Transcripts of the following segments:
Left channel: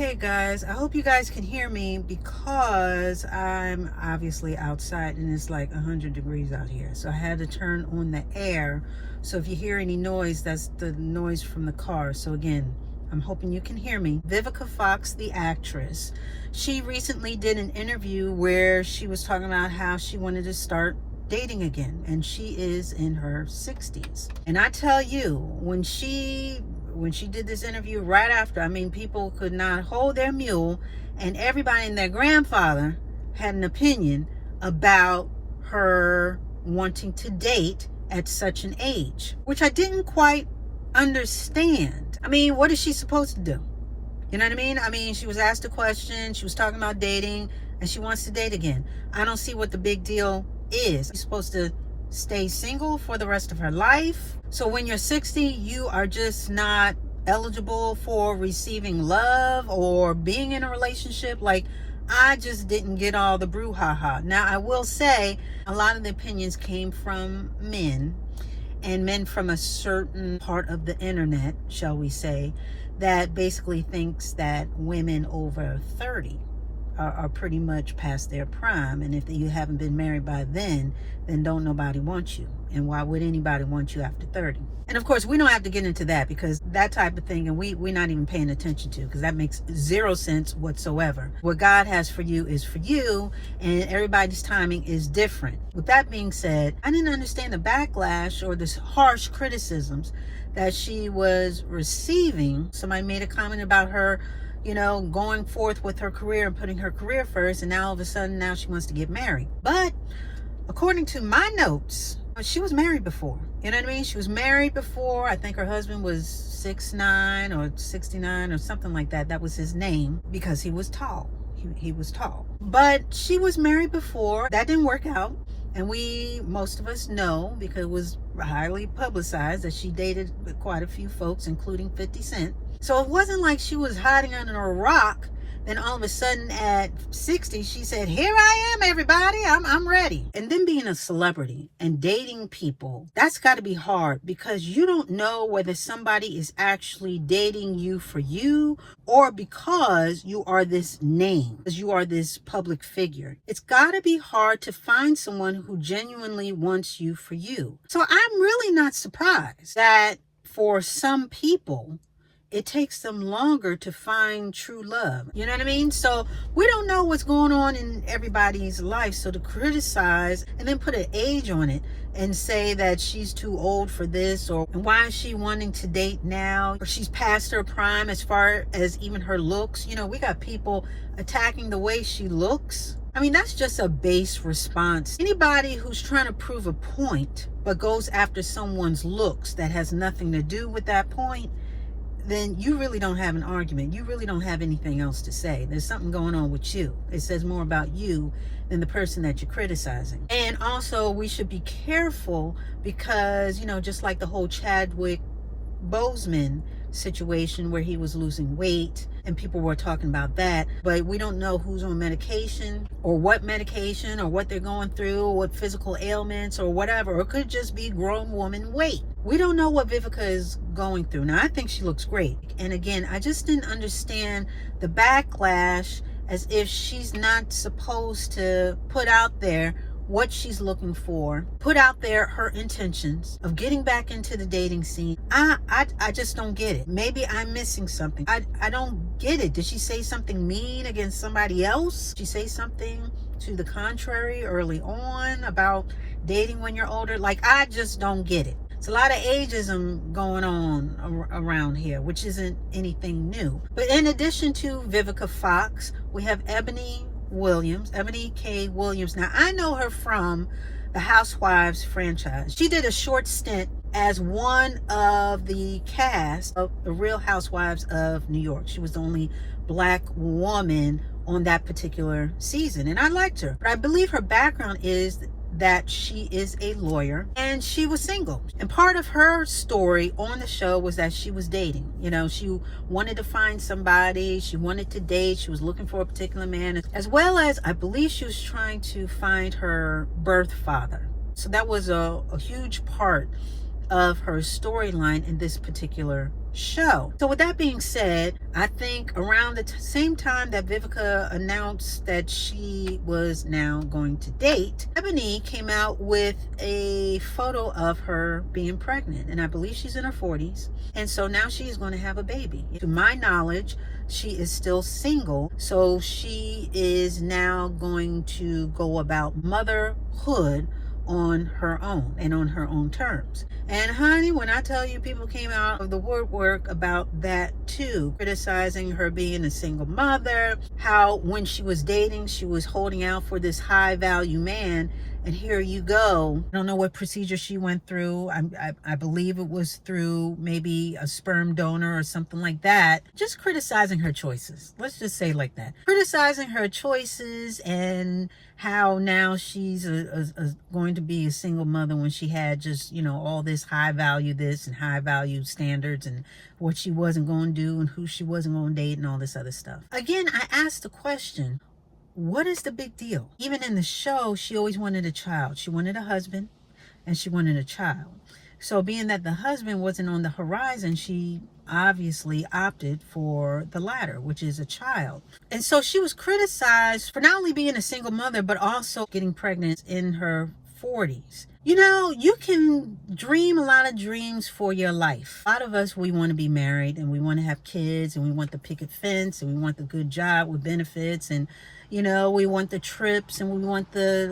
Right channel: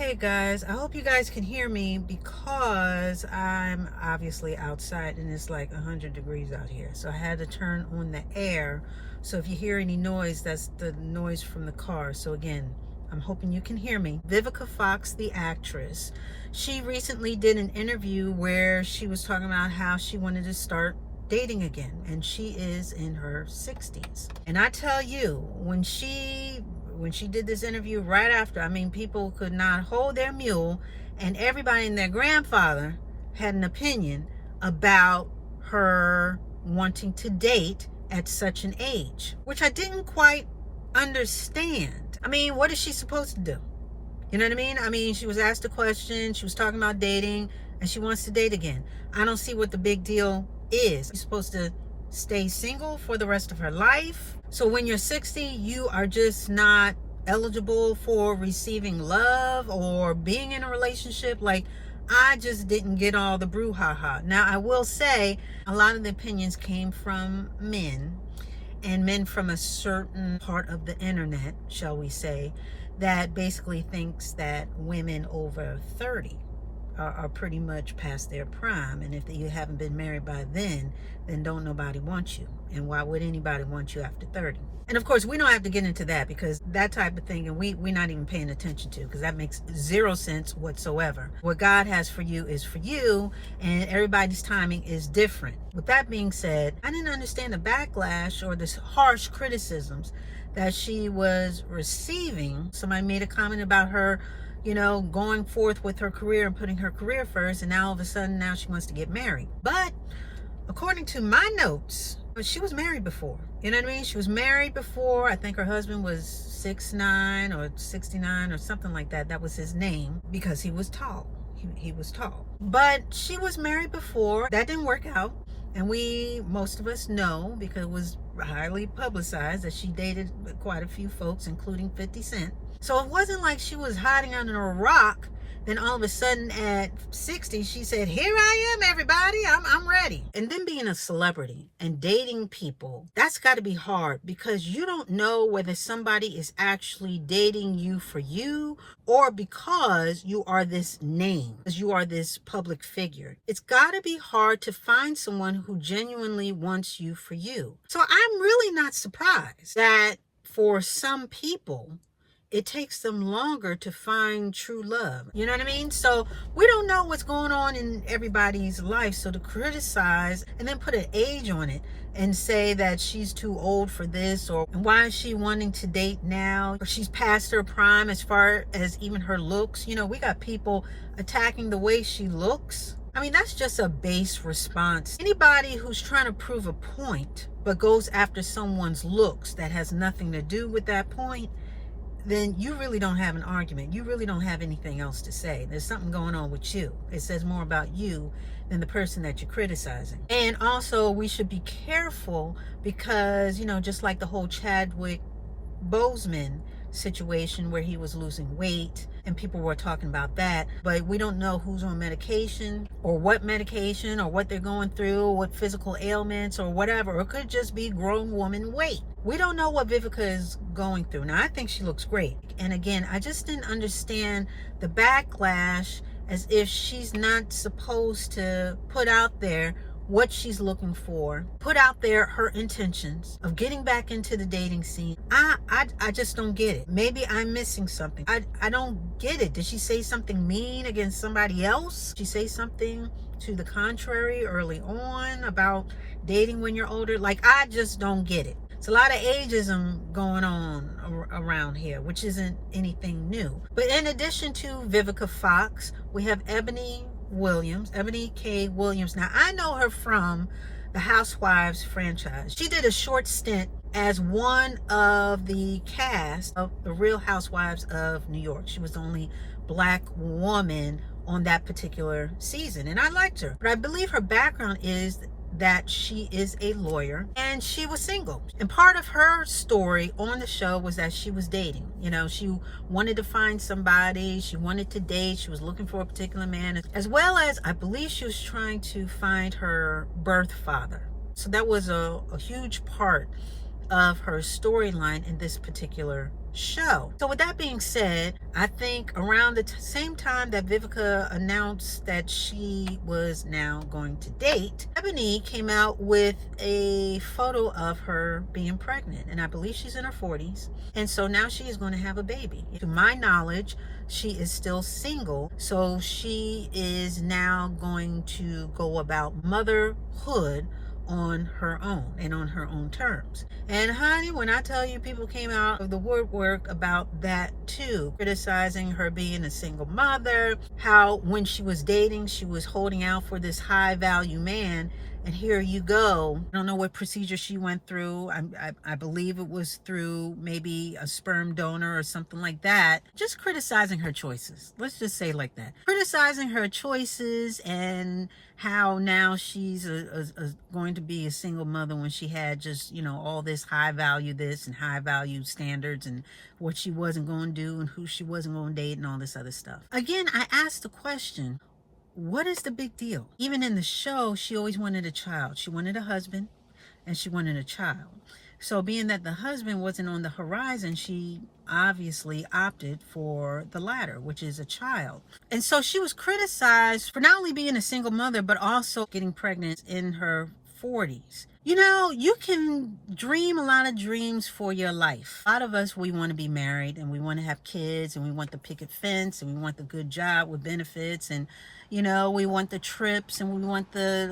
Okay guys, I hope you guys can hear me because I'm obviously outside and it's like 100 degrees out here. So I had to turn on the air. So if you hear any noise, that's the noise from the car. So again, I'm hoping you can hear me. Vivica Fox, the actress, she recently did an interview where she was talking about how she wanted to start dating again, and she is in her 60s. And I tell you, when she did this interview right after, I mean, people could not hold their mule, and everybody and their grandfather had an opinion about her wanting to date at such an age, which I didn't quite understand. I mean, what is she supposed to do? You know what I mean? I mean, she was asked a question, she was talking about dating, and she wants to date again. I don't see what the big deal is. She's supposed to stay single for the rest of her life. So when you're 60, you are just not eligible for receiving love or being in a relationship. Like, I just didn't get all the brouhaha. Now, I will say a lot of the opinions came from men, and men from a certain part of the internet, shall we say, that basically thinks that women over 30 are pretty much past their prime, and if you haven't been married by then don't nobody want you, and why would anybody want you after 30? And of course, we don't have to get into that, because that type of thing, and we're not even paying attention to, because that makes zero sense whatsoever. What God has for you is for you, and everybody's timing is different. With that being said, I didn't understand the backlash or the harsh criticisms that she was receiving. Somebody made a comment about her, you know, going forth with her career and putting her career first, and now all of a sudden now she wants to get married. But according to my notes, she was married before. You know what I mean? She was married before. I think her husband was 6'9" or 69 or something like that. That was his name, because he was tall. He was tall. But she was married before. That didn't work out. And most of us know, because it was highly publicized, that she dated quite a few folks, including 50 Cent. So it wasn't like she was hiding under a rock. Then all of a sudden at 60, she said, here I am, everybody, I'm ready. And then being a celebrity and dating people, that's got to be hard, because you don't know whether somebody is actually dating you for you, or because you are this name, because you are this public figure. It's got to be hard to find someone who genuinely wants you for you. So I'm really not surprised that for some people, it takes them longer to find true love. You know what I mean? So we don't know what's going on in everybody's life. So to criticize and then put an age on it and say that she's too old for this, or why is she wanting to date now, or she's past her prime as far as even her looks. You know, we got people attacking the way she looks. I mean, that's just a base response. Anybody who's trying to prove a point but goes after someone's looks that has nothing to do with that point, then you really don't have an argument. You really don't have anything else to say. There's something going on with you. It says more about you than the person that you're criticizing. And also, we should be careful, because, you know, just like the whole Chadwick Boseman situation where he was losing weight and people were talking about that, but we don't know who's on medication or what they're going through, or what physical ailments or whatever. Or it could just be grown woman weight. We don't know what Vivica is going through. Now, I think she looks great. And again, I just didn't understand the backlash, as if she's not supposed to put out there what she's looking for, put out there her intentions of getting back into the dating scene. I just don't get it. Maybe I'm missing something. I don't get it. Did she say something mean against somebody else? Did she say something to the contrary early on about dating when you're older? Like, I just don't get it. It's a lot of ageism going on around here, which isn't anything new. But in addition to Vivica Fox, we have Ebony K. Williams. Now, I know her from the Housewives franchise. She did a short stint as one of the cast of the Real Housewives of New York. She was the only Black woman on that particular season, and I liked her. But I believe her background is that she is a lawyer and she was single. And part of her story on the show was that she was dating. You know, she wanted to find somebody, she wanted to date, she was looking for a particular man, as well as I believe she was trying to find her birth father. So that was a huge part of her storyline in this particular show. So with that being said, I think around the same time that Vivica announced that she was now going to date, Ebony came out with a photo of her being pregnant, and I believe she's in her 40s, and so now she is going to have a baby. To my knowledge, she is still single, so she is now going to go about motherhood on her own and on her own terms. And honey, when I tell you, people came out of the woodwork about that too, criticizing her being a single mother, how when she was dating, she was holding out for this high value man, and here you go. I don't know what procedure she went through. I believe it was through maybe a sperm donor or something like that. Just criticizing her choices. Let's just say like that. Criticizing her choices and how now she's going to be a single mother when she had just, you know, all this high value this and high value standards and what she wasn't going to do and who she wasn't going to date and all this other stuff. Again, I asked the question, what is the big deal? Even in the show, she always wanted a child. She wanted a husband and she wanted a child. So being that the husband wasn't on the horizon, she obviously opted for the latter, which is a child. And so she was criticized for not only being a single mother, but also getting pregnant in her 40s. You know, you can dream a lot of dreams for your life. A lot of us, we want to be married and we want to have kids and we want the picket fence and we want the good job with benefits and, you know, we want the trips and we want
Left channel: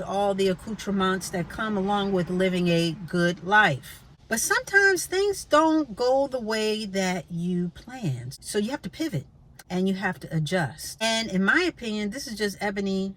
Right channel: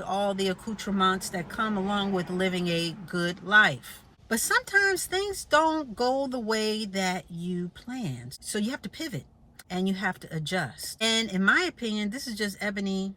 all the accoutrements that come along with living a good life. But sometimes things don't go the way that you planned. So you have to pivot and you have to adjust. And in my opinion, this is just Ebony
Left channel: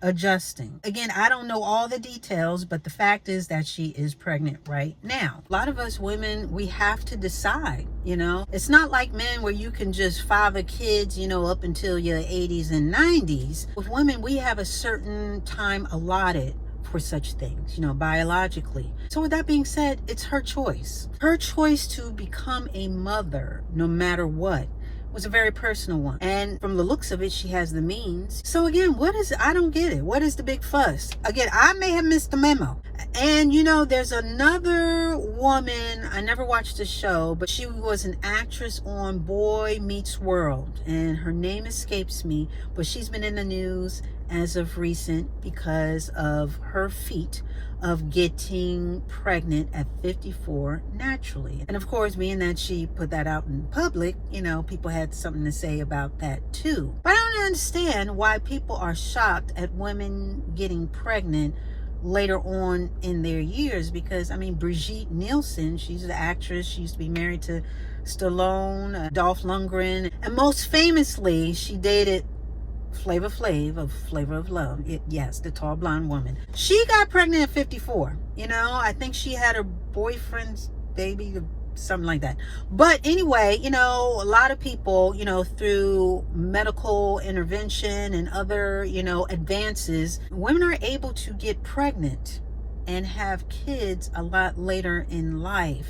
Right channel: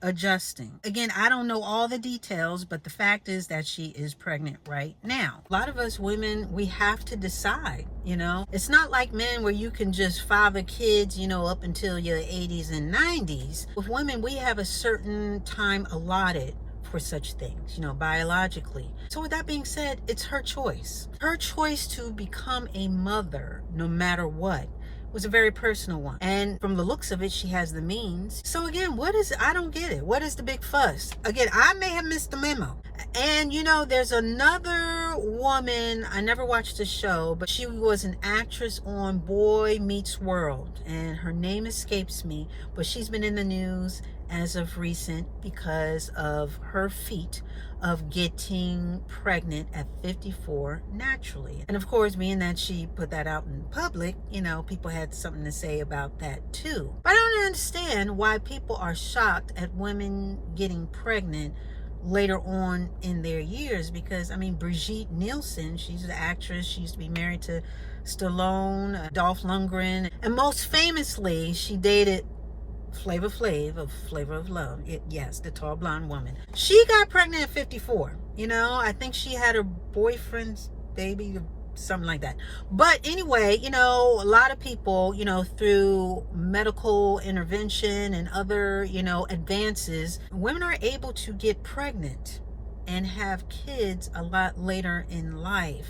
adjusting. Again, I don't know all the details, but the fact is that she is pregnant right now. A lot of us women, we have to decide, you know. It's not like men where you can just father kids, you know, up until your 80s and 90s. With women, we have a certain time allotted for such things, you know, biologically. So with that being said, it's her choice. Her choice to become a mother, no matter what, was a very personal one. And from the looks of it, she has the means. So again, I don't get it. What is the big fuss? Again, I may have missed the memo. And you know, there's another woman, I never watched the show, but she was an actress on Boy Meets World. And her name escapes me, but she's been in the news as of recent because of her feat of getting pregnant at 54 naturally. And of course, being that she put that out in public, you know, people had something to say about that too. But I don't understand why people are shocked at women getting pregnant later on in their years, because I mean, Brigitte Nielsen, she's an actress. She used to be married to Stallone, Dolph Lundgren, and most famously, she dated Flavor Flav of Flavor of Love. Yes, the tall blonde woman. She got pregnant at 54. You know, I think she had her boyfriend's baby, something like that. But anyway, you know, a lot of people, you know, through medical intervention and other, you know, advances, women are able to get pregnant and have kids a lot later in life.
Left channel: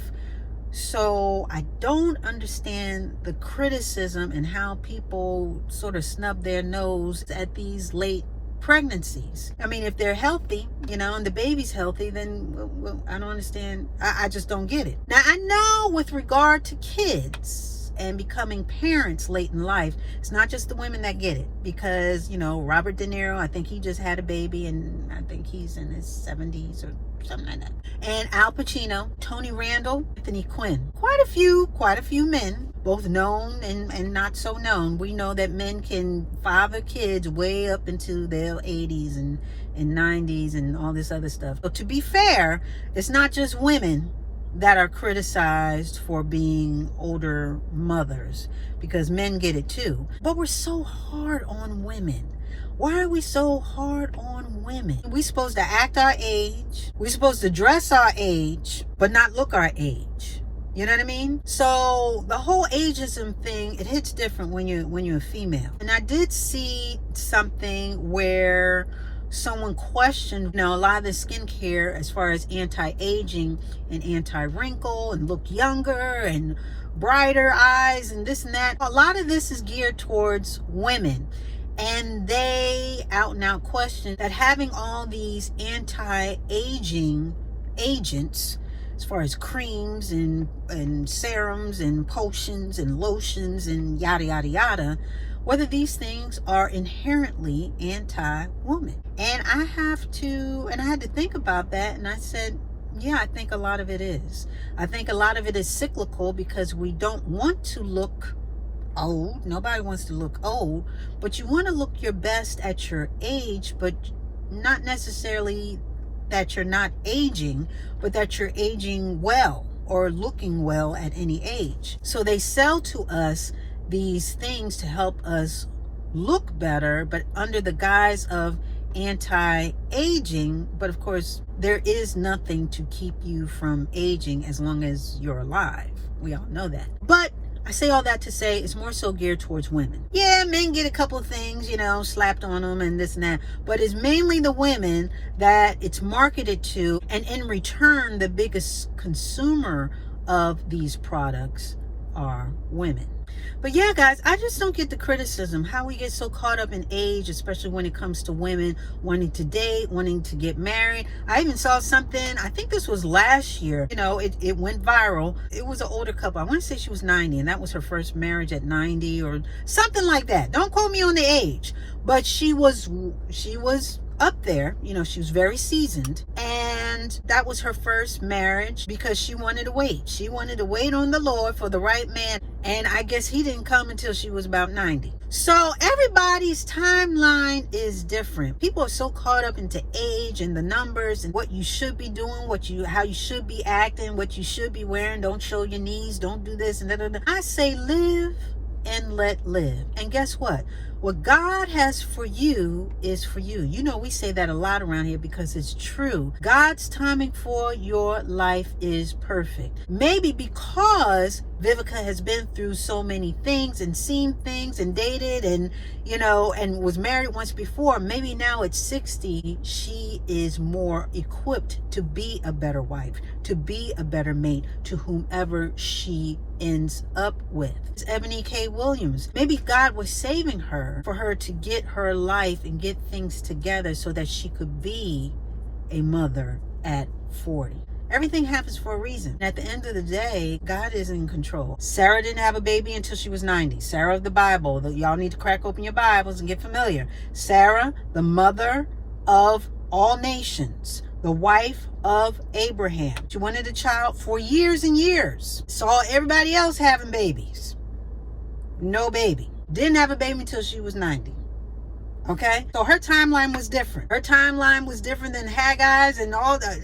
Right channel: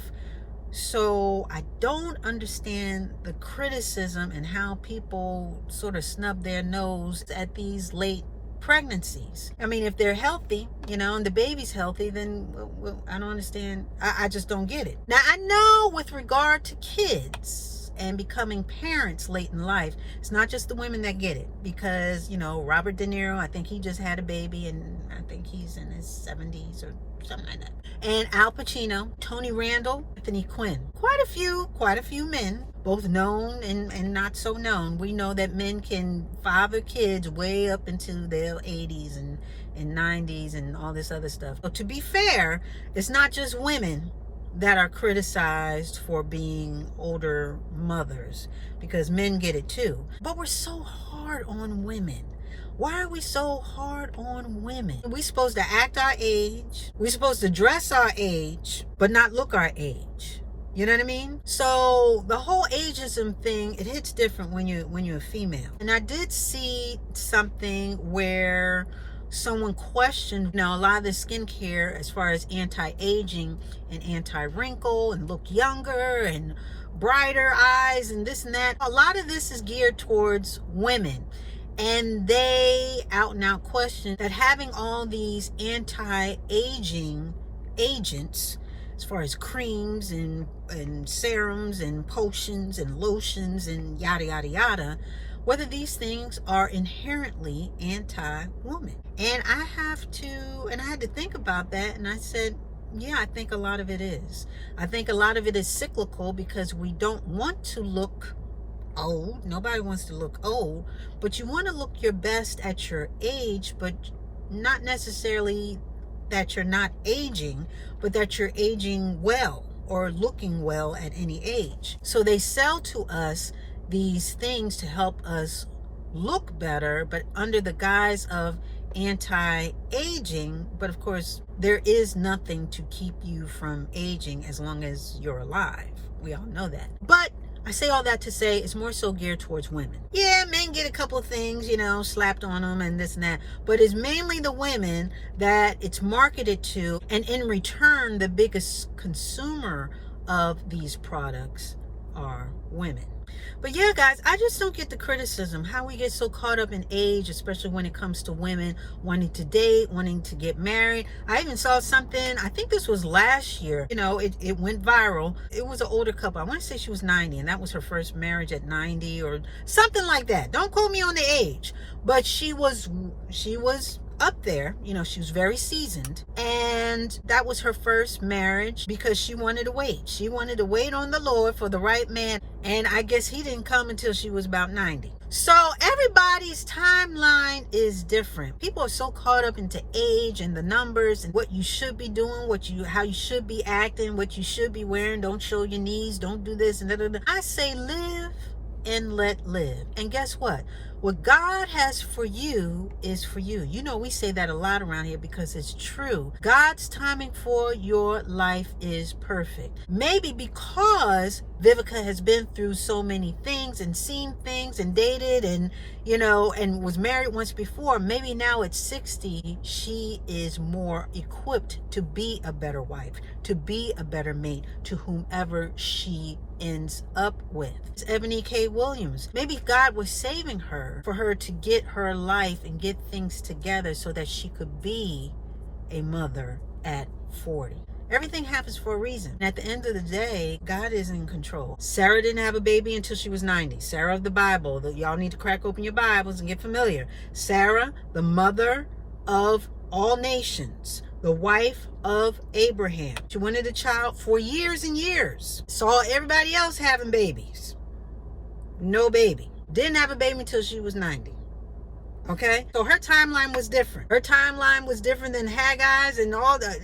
So I don't understand the criticism and how people sort of snub their nose at these late pregnancies. I mean, if they're healthy, you know, and the baby's healthy, then I don't understand. I just don't get it. Now, I know with regard to kids and becoming parents late in life, it's not just the women that get it, because, you know, Robert De Niro, I think he just had a baby and I think he's in his 70s or something like that. And Al Pacino, Tony Randall, Anthony Quinn. Quite a few men, both known and not so known. We know that men can father kids way up into their 80s and 90s and all this other stuff. So to be fair, it's not just women that are criticized for being older mothers, because men get it too. But we're so hard on women. Why are we so hard on women? We're supposed to act our age. We're supposed to dress our age, but not look our age. You know what I mean? So the whole ageism thing, it hits different when you're a female. And I did see something where someone questioned, you know, a lot of the skincare as far as anti-aging and anti-wrinkle and look younger and brighter eyes and this and that. A lot of this is geared towards women. And they out and out question that having all these anti-aging agents, as as far as creams and serums and potions and lotions and yada, yada, yada, whether these things are inherently anti-woman. And I had to think about that, and I said, yeah, I think a lot of it is. I think a lot of it is cyclical because we don't want to look old. Nobody wants to look old, but you want to look your best at your age, but not necessarily that you're not aging, but that you're aging well or looking well at any age. So they sell to us these things to help us look better, but under the guise of anti-aging. But of course, there is nothing to keep you from aging as long as you're alive. We all know that. But I say all that to say it's more so geared towards women. Yeah, men get a couple of things, slapped on them and this and that, but it's mainly the women that it's marketed to, and in return, the biggest consumer of these products are women. But yeah, guys, I just don't get the criticism, how we get so caught up in age, especially when it comes to women wanting to date, wanting to get married. I even saw something, I think this was last year, it went viral. It was an older couple. I want to say she was 90, and that was her first marriage at 90 or something like that. Don't quote me on the age, but she was up there, she was very seasoned, and that was her first marriage because she wanted to wait. She wanted to wait on the Lord for the right man, and I guess he didn't come until she was about 90. So everybody's timeline is different. People are so caught up into age and the numbers and what you should be doing, how you should be acting, what you should be wearing. Don't show your knees, don't do this and that. I say live and let live. And guess what? What God has for you is for you. We say that a lot around here because it's true. God's timing for your life is perfect. Maybe because Vivica has been through so many things and seen things and dated and, and was married once before. Maybe now at 60, she is more equipped to be a better wife, to be a better mate to whomever she ends up with. It's Ebony K. Williams. Maybe God was saving her for her to get her life and get things together so that she could be a mother at 40. Everything happens for a reason. At the end of the day, God is in control. Sarah didn't have a baby until she was 90. Sarah of the Bible. Y'all need to crack open your Bibles and get familiar. Sarah, the mother of all nations, the wife of Abraham. She wanted a child for years and years. Saw everybody else having babies. No baby. Didn't have a baby until she was 90. Okay? So her timeline was different. Her timeline was different than Haggai's and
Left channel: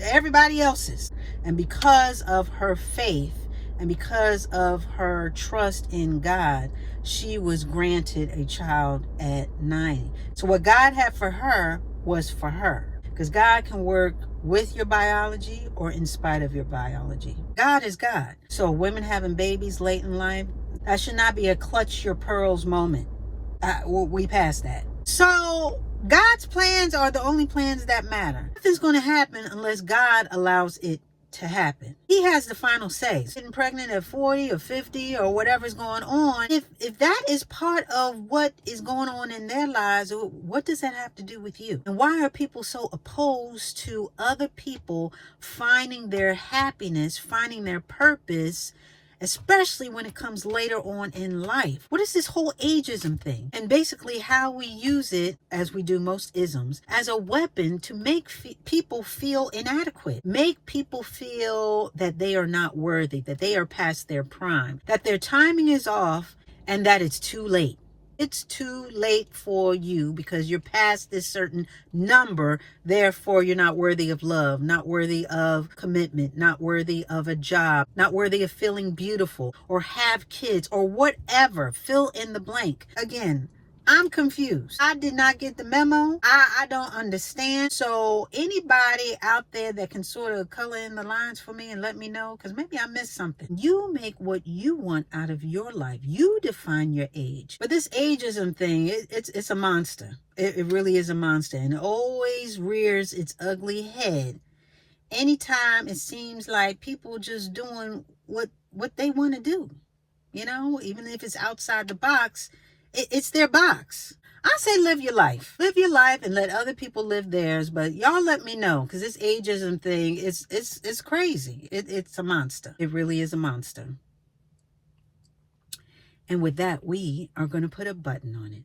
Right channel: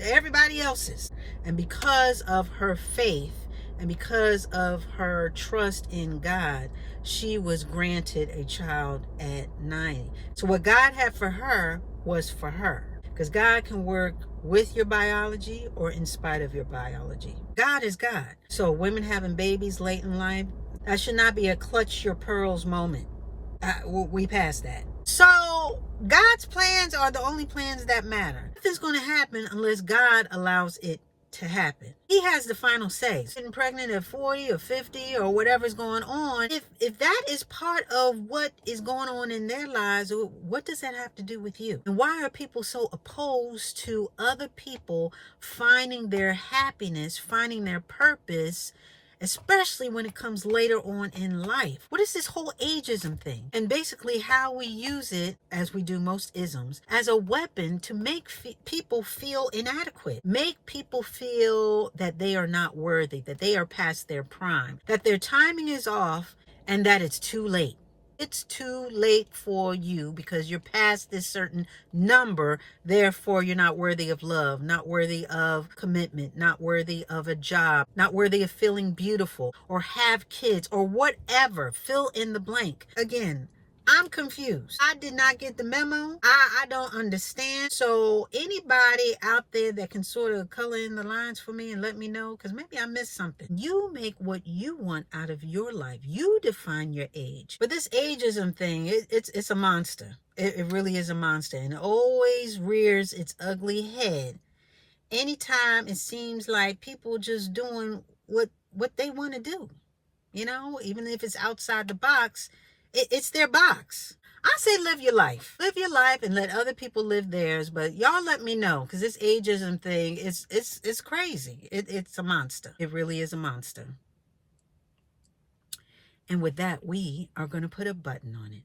everybody else's. And because of her faith and because of her trust in God, she was granted a child at 90. So what God had for her was for her. Because God can work with your biology or in spite of your biology. God is God. So women having babies late in life, that should not be a clutch your pearls moment. We passed that. So God's plans are the only plans that matter. Nothing's going to happen unless God allows it to happen. He has the final say. Getting pregnant at 40 or 50 or whatever's going on, if that is part of what is going on in their lives, what does that have to do with you? And why are people so opposed to other people finding their happiness, finding their purpose, especially when it comes later on in life? What is this whole ageism thing? And basically how we use it, as we do most isms, as a weapon to make people feel inadequate, make people feel that they are not worthy, that they are past their prime, that their timing is off, and that it's too late. It's too late for you because you're past this certain number. Therefore, you're not worthy of love, not worthy of commitment, not worthy of a job, not worthy of feeling beautiful or have kids or whatever. Fill in the blank. Again, I'm confused. I did not get the memo. I don't understand. So anybody out there that can sort of color in the lines for me and let me know, because maybe I missed something. You make what you want out of your life. You define your age. But this ageism thing, it's a monster. It really is a monster. And it always rears its ugly head anytime it seems like people just doing what they want to do. Even if it's outside the box, it's their box. I say live your life. Live your life and let other people live theirs. But y'all let me know, because this ageism thing, it's crazy. It's a monster. It really is a monster. And with that, we are going to put a button on it.